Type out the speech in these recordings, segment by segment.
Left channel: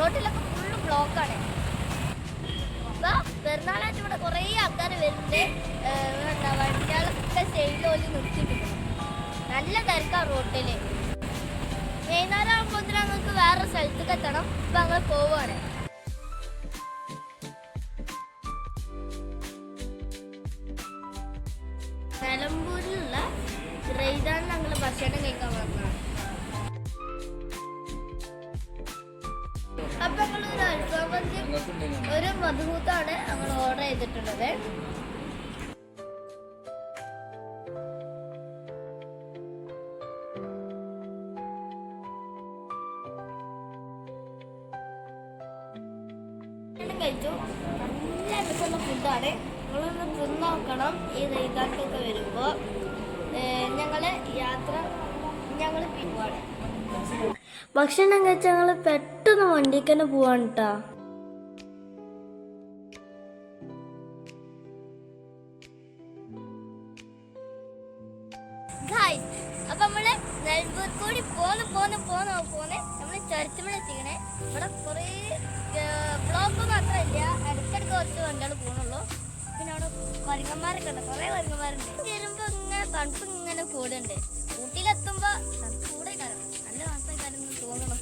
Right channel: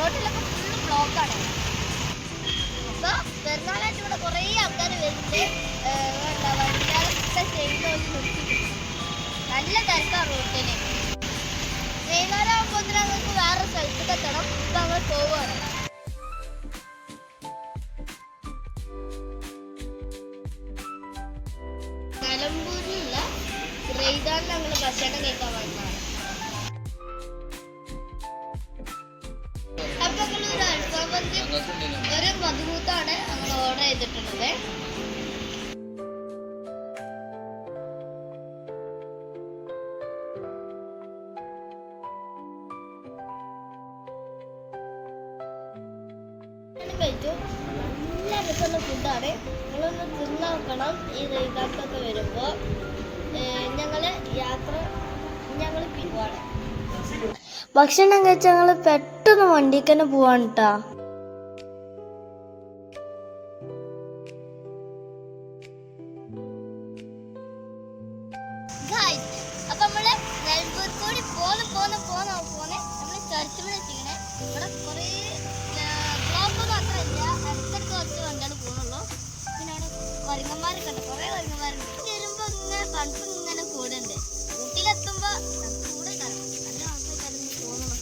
റോഡിലൊക്കെ ഫുള്ള് ബ്ലോക്കാണ്. ഇപ്പോൾ പെരുന്നാളായിട്ട് ഇവിടെ കുറേ ആൾക്കാർ വരുന്നുണ്ട്. വണ്ടികളൊക്കെ സൈഡിൽ നിർത്തിയിട്ടുണ്ട്. നല്ല തിരക്കാണ് റോട്ടിൽ. വൈകുന്നേരം ആകുമ്പോൾ ഞങ്ങൾക്ക് വേറെ സ്ഥലത്തേക്ക് എത്തണം. ഇപ്പം ഞങ്ങൾ പോവുകയാണ്. നിലമ്പൂരിലുള്ള റെയ്ദാൻ ഞങ്ങൾ ഭക്ഷണം കഴിക്കാൻ വന്നതാണ്. അപ്പൊ ഞങ്ങൾ ഒരു അൽഫാമന്തി ഒരു മധുമൂത്താണ് ഞങ്ങൾ ഓർഡർ ചെയ്തിട്ടുള്ളത്. കഴിച്ചു. നല്ല രസമുള്ള ഫുഡാണ്. നിങ്ങളൊന്ന് തിന്ന് നോക്കണം. ഈ റെയ്ദാൻക്കൊക്കെ വരുമ്പോൾ ഞങ്ങൾ പിൻവാണ്. ഭക്ഷണം കഴിച്ച ഞങ്ങൾ പെട്ടെന്ന് വണ്ടിക്ക് തന്നെ പോവാണ് കേട്ടോ. അപ്പൊ നമ്മള് നെൽമ്പൂർക്കൂടി പോന്ന് നമ്മള് ചരിച്ചുമണി എത്തിക്കണേ. ഇവിടെ കുറേ ബ്ലോക്കൊന്നും അത്ര ഇല്ല. ഇടയ്ക്കിടയ്ക്ക് കുറച്ച് വണ്ടികൾ പോകുന്നുള്ളൂ. പിന്നെ അവിടെ കുരങ്ങന്മാരൊക്കെ ഉണ്ട്, കുറേ കുരങ്ങന്മാരുണ്ട്. ചെല്ലുമ്പോൾ ഇങ്ങനെ തണുപ്പ് ഇങ്ങനെ കൂടുണ്ട്. ഊട്ടിയിലെത്തുമ്പോൾ തണുപ്പ് കൂടെ കാണാം. നല്ല തണുപ്പായിട്ടായിരുന്നു തോന്നണം.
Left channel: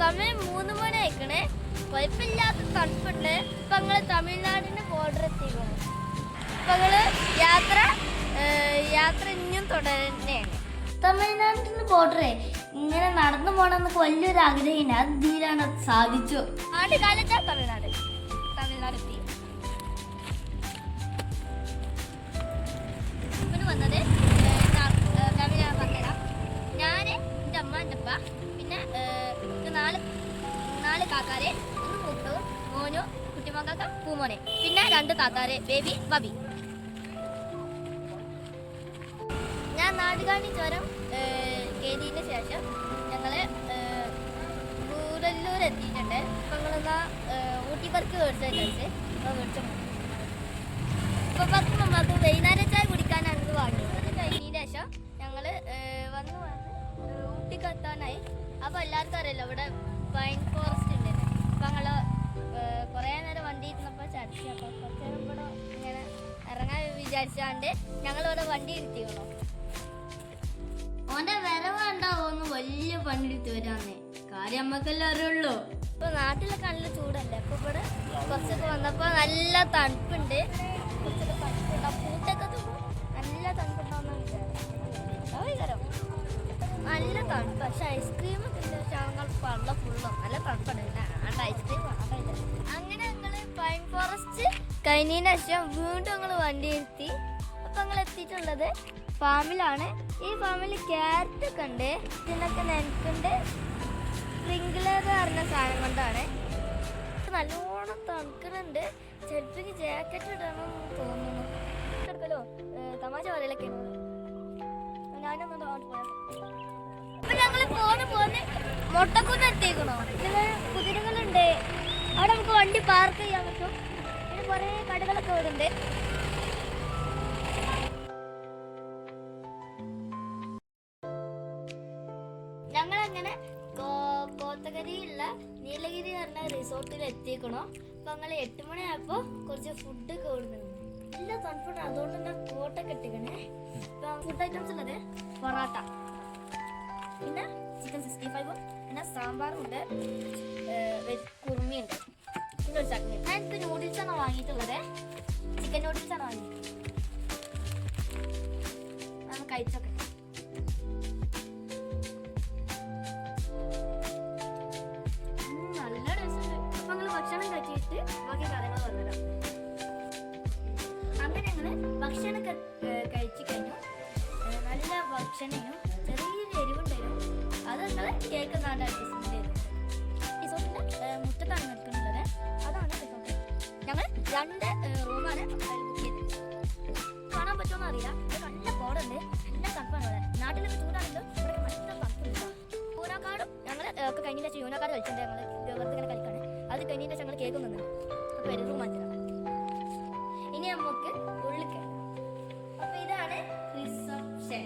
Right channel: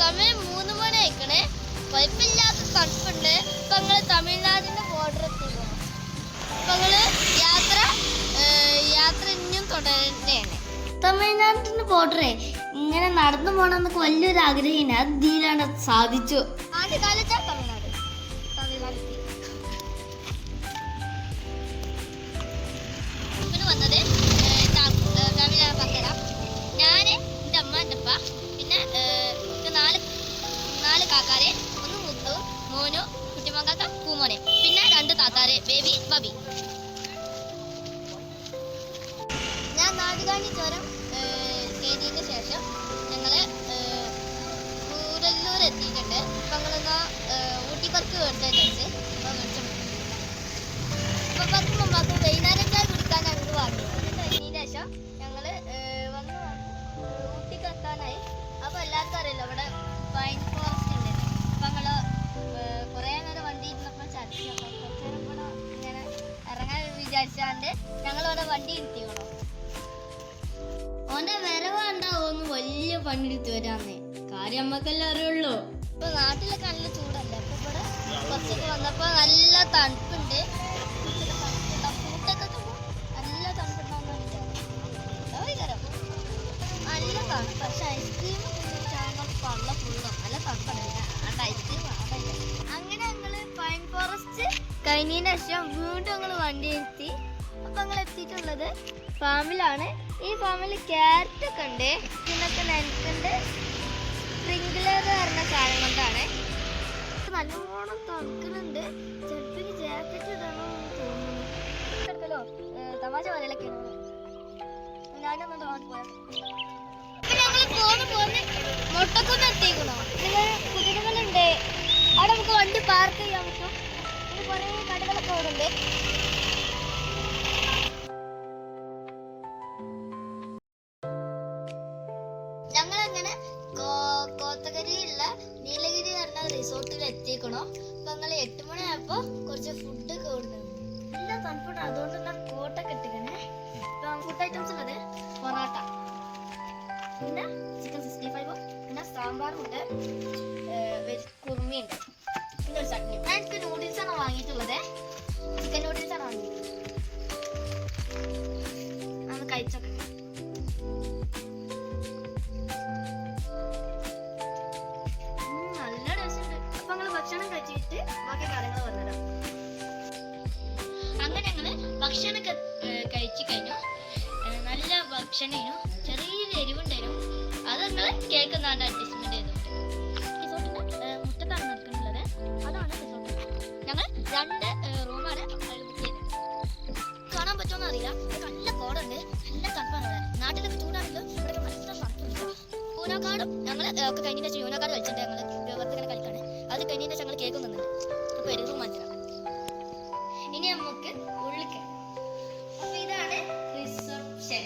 സമയം 3 മണി ആയിക്കണേ. കുഴപ്പമില്ലാത്ത തണുപ്പുണ്ട്. ഇപ്പൊ ഞങ്ങള് തമിഴ്നാടിന്റെ ബോർഡർ എത്തിക്കണം. ഇപ്പൊ ഞങ്ങള് യാത്ര ഇനിയും തുടരുന്നതാണ്. തമിഴ്നാടിന്റെ ബോർഡറെ ഇങ്ങനെ നടന്നു പോകണമെന്നൊക്കെ വലിയൊരു ആഗ്രഹമാണ്. അത് ഇതിലാണ് സാധിച്ചു. ആദ്യകാലത്ത് തമിഴ്നാട് എത്തി. ഇവന് വന്നത് ഫാമിലി പറഞ്ഞുതരാം. ഞാൻ, എൻ്റെ അമ്മ, എൻ്റെ അപ്പ, പിന്നെ നാല് കാക്കാരെ, ഒന്ന് മുത്തു, മോനു, കുട്ടിമക്കാക്ക, പൂമോനെ, പിന്നെ 2 താത്താരെ, ബേബി, ബബി. ഞാൻ നാടുകാണി ചുരം കയറിയതിന് ശേഷം ഞങ്ങള് കൂടല്ലൂർ എത്തിയിട്ടുണ്ട്. ഇപ്പൊ ഞങ്ങളെന്നാ ഊട്ടി പറക്ക് മേടിച്ചു. ഇപ്പൊ മേടിച്ച ഇപ്പൊ പറക്ക് മുമ്പാക്കും വൈകുന്നേരം ചായ കുടിക്കാനാണ് ഇത് വാങ്ങിയത്. കഴിഞ്ഞതിന് ശേഷം ഞങ്ങള് വന്ന് ഊട്ടിക്ക് എത്താനായി. അപ്പൊ എല്ലാവർക്കും അറിയില്ല ഇവിടെ പൈൻ ഫോറസ്റ്റ് ഉണ്ട്. അപ്പൊ ഞങ്ങള് കുറേ നേരം വണ്ടി ഇരുന്നപ്പോൾ ചടിച്ചു. അപ്പൊ കുറച്ച് നേരം കൂടെ ഇങ്ങനെ ഇറങ്ങാൻ വിചാരിച്ചാണ്ട് ഞങ്ങളിവിടെ വണ്ടി ഇരുത്തിക്കണോ. ഓന്റെ വരവുണ്ടാവുമെന്ന് വലിയ പണിയെടുത്ത് വരാന്നേ. കാര്യം നമ്മക്കെല്ലാം അറിയുള്ളൂ. ഇപ്പൊ നാട്ടിലൊക്കെ നല്ല ചൂടല്ലേ. അപ്പൊ ഇവിടെ കുറച്ചൊക്കെ വന്നപ്പോ നല്ല തണുപ്പുണ്ട്. കുറച്ചൊക്കെ തണുപ്പുണ്ട്. പൂട്ടൊക്കെ നല്ല തണുപ്പുണ്ടാവുന്ന വിചാരം. നല്ല തണുപ്പ്. പക്ഷെ ഐസ്ക്രീം പള്ള ഫുള്ളും നല്ല തണുപ്പാണ്. പിന്നെ ഐസ്ക്രീം ആടായില്ല. അങ്ങനെ ഞങ്ങള് പൈൻ ഫോറസ്റ്റ് കഴിഞ്ഞതിന് ശേഷം വീണ്ടും ഞങ്ങൾ വണ്ടി ഇരുത്തി. അപ്പൊ ഞങ്ങൾ എത്തിയിട്ടുള്ളത് ഫാമിലാണ്. ഈ ഫാമിൽ ക്യാരറ്റ് ഒക്കെ ഉണ്ട്. ഇതിനൊക്കെ നെൽക്കുണ്ട്. സ്പ്രിംഗ്ലർ പറഞ്ഞ സാധനം കൊണ്ടാണ്. നല്ലോണം തണുക്കുന്നുണ്ട്. ചെറുപ്പിന് ജാക്കറ്റ് ഇടണമെന്ന് തോന്നുന്നു. എടുക്കലോ തമാശ പറയലൊക്കെയാണ്. ഞാനൊന്ന് പോയാ അപ്പൊ ഞങ്ങള് പോന്ന് മൊട്ടക്കൊന്ന് എത്തിക്കണോ. കുതിരകളുണ്ട്. അവിടെ നമുക്ക് വണ്ടി പാർക്ക് ചെയ്യാൻ പറ്റും. പിന്നെ കുറേ കടകളൊക്കെ അവിടെ ഉണ്ട്. ഞങ്ങളങ്ങനെ കോത്തഗിരിയുള്ള നീലഗിരി പറഞ്ഞ റിസോർട്ടിൽ എത്തിക്കണോ. അപ്പൊ ഞങ്ങൾ 8 മണിയായപ്പോ കുറച്ച് ഫുഡ് കൊടുക്കുന്നു. നല്ല തണുപ്പുണ്ട്. അതുകൊണ്ട് തന്നെ കോട്ടൊക്കെ ഇട്ടിക്കണേ. ഇപ്പൊ ഫുഡ് ഐറ്റംസ് ഉള്ളത് പൊറോട്ട, പിന്നെ ചിക്കൻ 65, പിന്നെ സാമ്പാറും ഉണ്ട്, കുറുമിയുണ്ട്, പിന്നെ ഒരു ചട്നി. ഞാൻ എനിക്ക് നൂഡിൽസാണ് വാങ്ങിയിട്ടുള്ളത്. ചിക്കൻ നൂഡിൽസാണ് വാങ്ങിയത്. അത് കഴിച്ചോട്ടെ. നല്ല രസമുണ്ട്. അപ്പൊ ഞങ്ങൾ ഭക്ഷണം കഴിച്ചിട്ട് ബാക്കി കാര്യങ്ങൾ പറഞ്ഞുതരാം. അങ്ങനെ ഞങ്ങള് ഭക്ഷണമൊക്കെ കഴിച്ചു കഴിഞ്ഞു. നല്ല ഭക്ഷണമായിരുന്നു. ചെറിയൊരു എരിവുണ്ടായിരുന്നു. അത് ഞങ്ങൾ കേൾക്കുന്നാണ്ട് അഡ്ജസ്റ്റ്മെന്റ് ചെയ്തിട്ടുണ്ട്. റിസോർട്ടിന്റെ മുറ്റത്താണ് നിൽക്കുന്നുള്ളത്. അതാണ് റിസോർട്ട്. ഞങ്ങൾ 2 റൂമാണ് അതിൽ ബുക്ക് ചെയ്തിട്ടുണ്ട്. കാണാൻ പറ്റുമോ അറിയില്ല. നല്ല കോടുണ്ട്. നല്ല തണുപ്പാണ് ഇവിടെ. നാട്ടിലൊക്കെ ചൂടാണെങ്കിലും ഇവിടെയൊക്കെ നല്ല തണുപ്പുണ്ട്. യൂനോക്കാടും ഞങ്ങൾ ഒക്കെ കഴിഞ്ഞതിന് ശേഷം യൂനോക്കാട് കളിച്ചിട്ടുണ്ട്. ഞങ്ങൾ വെറുതെ ഇങ്ങനെ കളിക്കാണ്. അത് കഴിഞ്ഞതിന് ശേഷം ഞങ്ങൾ കേക്ക് നിന്നുണ്ട്. അപ്പോൾ ഒരു റൂം മാറ്റാം. ഇനി നമുക്ക് ഉള്ളിൽ അപ്പൊ ഇതാണ് റിസപ്ഷൻ.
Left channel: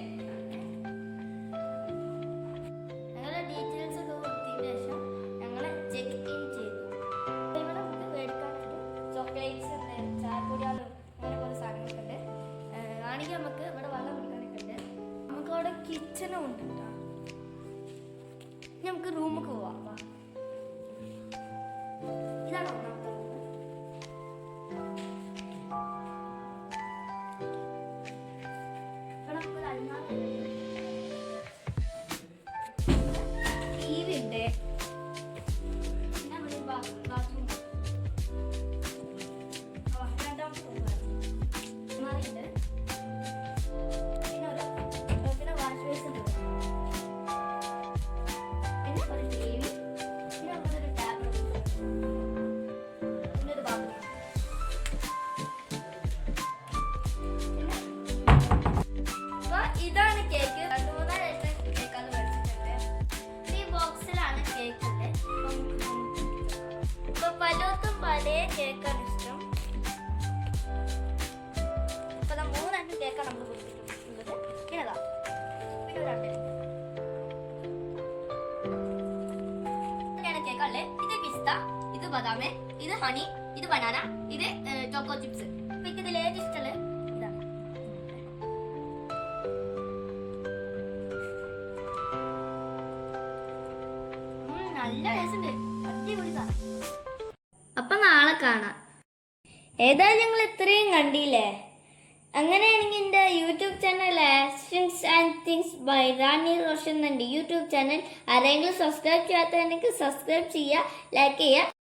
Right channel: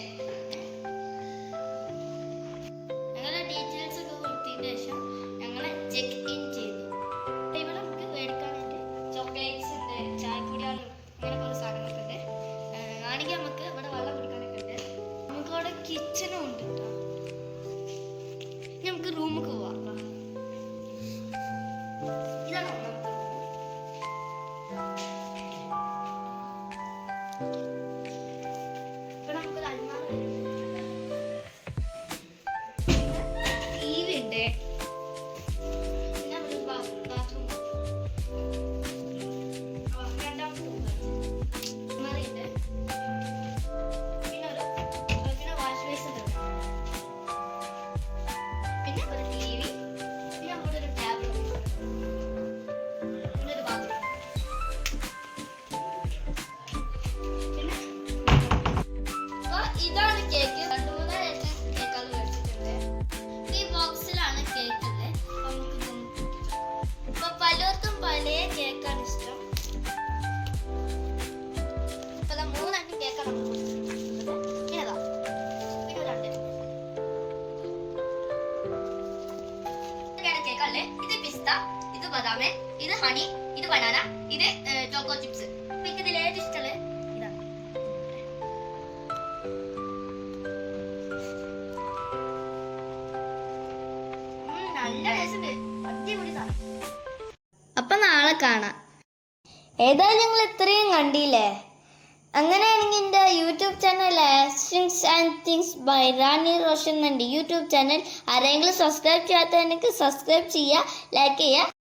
ഞങ്ങളുടെ ഡീറ്റെയിൽസ് ഒക്കെ കൊടുത്തതിന് ശേഷം ഞങ്ങൾ ചെക്ക് ഇൻ ചെയ്തു. ഇവിടെ നമുക്ക് മേടിക്കാനായിട്ട് ചോക്ലേറ്റ്സ് ഉണ്ട്, ചായപ്പൊടികളും അങ്ങനെ കുറേ സാധനങ്ങളൊക്കെ ഉണ്ട്. ആണെങ്കിൽ നമുക്ക് ഇവിടെ വെള്ളം കുടിക്കാനൊക്കെ ഉണ്ട്. നമുക്ക് അവിടെ കിച്ചണും ഉണ്ട് കേട്ടോ. നമുക്ക് റൂമൊക്കെ പോവാം. ഇതാണ് ഒന്നാമത്തെ റൂം. ഇവിടെ നമുക്കൊരു അൽമാര ടിവി ഉണ്ട്. പിന്നെ ഒരു ബാത്റൂം. രണ്ടാമത്തെ റൂം അൽമാരയുണ്ട്. പിന്നെ വാഷ് ബേസ് ഉണ്ട്. പിന്നെ ഒരു ടിവി. പിന്നെ അവിടെ ഒരു ടാബ്. പിന്നെ ഒരു ബാത്റൂം. പിന്നെ അപ്പൊ ഇതാണ് കേക്ക്. 2-3 കേക്കാൾ മേടിച്ചിട്ടുണ്ട്. ഈ ബോക്സിലാണ് കേക്ക് ഉള്ളത്. ഇപ്പൊ പലർക്കും പല കേക്കാണ് ഇഷ്ടം. ഇപ്പൊ 3 കേക്കാണ് നമ്മൾ കൊടുത്തിട്ടുള്ളത്. പിന്നെതാ പിന്നെ ഒരു 2 കേക്കല്ലേ. ഇത് പിസ്ത, ഇത് ബദാമ്, ഇത് ഹണി, ഇത് ബനാന, ഇത് ചോക്കോ ചിപ്സ്. അപ്പൊ എനിക്ക് ഇതിൽ ഏറ്റവും ഇഷ്ടമുള്ളത് ഇതാണ്. നല്ല ടേസ്റ്റ് ഉണ്ട്. അടിപൊളി സാധനം. അപ്പൊ നാളെ കാണാം. ഏതായാലും ഞങ്ങൾ ഇത്രയും കണ്ടില്ലേ. അങ്ങനെയാണെങ്കിൽ എൻ്റെ YouTube channel actions and things by Rani Roshan എന്നുണ്ട് യൂട്യൂബ് ചാനൽ. ആരെങ്കിലും സബ്സ്ക്രൈബ് ചെയ്യാത്ത എനിക്ക് സബ്സ്ക്രൈബ് ചെയ്യുക, ലൈക്ക് ചെയ്യുക.